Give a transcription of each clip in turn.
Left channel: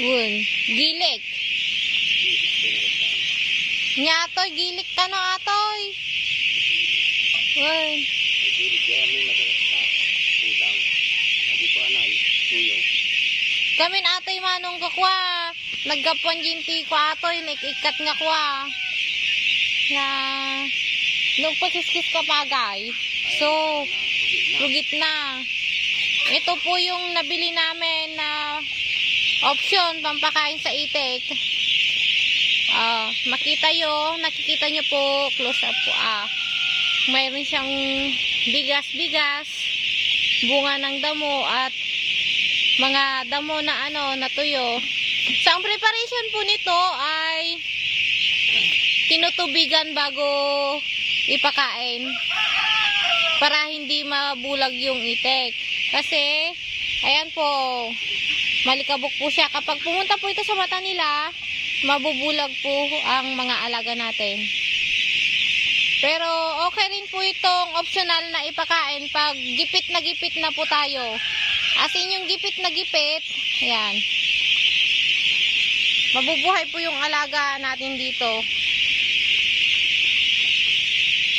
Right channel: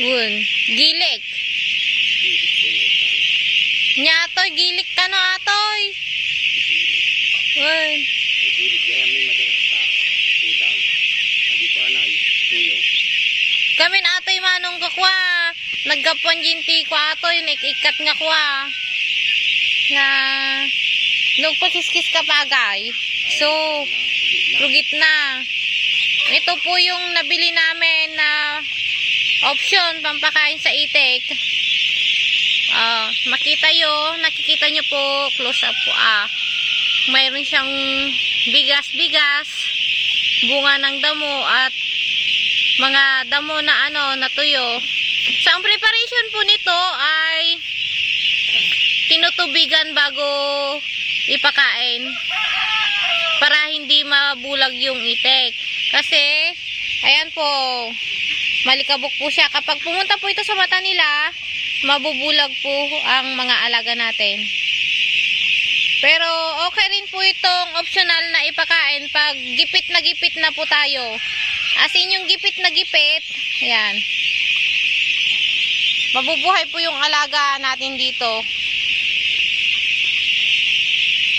Wun. Gilik. Nya atoy, gilik ka no atoy. Wun. Kami na atoy manong kakwa. Naggapuan jinti ko atoy, nakikat nga kwa. Na, nung pasiskis ka pagay. So, rugit na. Ito po yung nabili namin na option pampakain sa itik. Ah, makita yo, nakikita nyo po, close up po ah. Mayroon siyang bigas-bigas, bunga ng damo at mga damo na ano, natuyo. So, preparation po nito ay tinutubigan bago ipakain para hindi mabulag yung itik. Kasi, ayan po, malikabok po siya. Kapag pumunta po ito sa mata nila, mabubulag po ang mga alaga natin. Pero okay rin po itong optional na ipakain pag gipit na gipit na po tayo. As in yung gipit na gipit, ayan. Mabubuhay po yung alaga natin dito.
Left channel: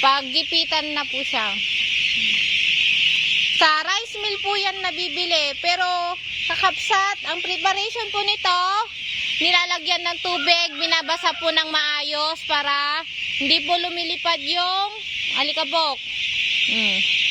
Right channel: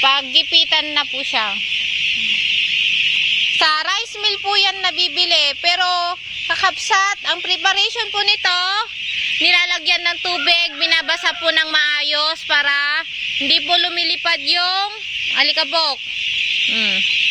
Pag gipitan na po siya. Sa rice mill po yan nabibili. Pero kakapsat, ang preparation po nito, nilalagyan ng tubig, binabasa po ng maayos para hindi po lumilipad yung alikabok. Mm.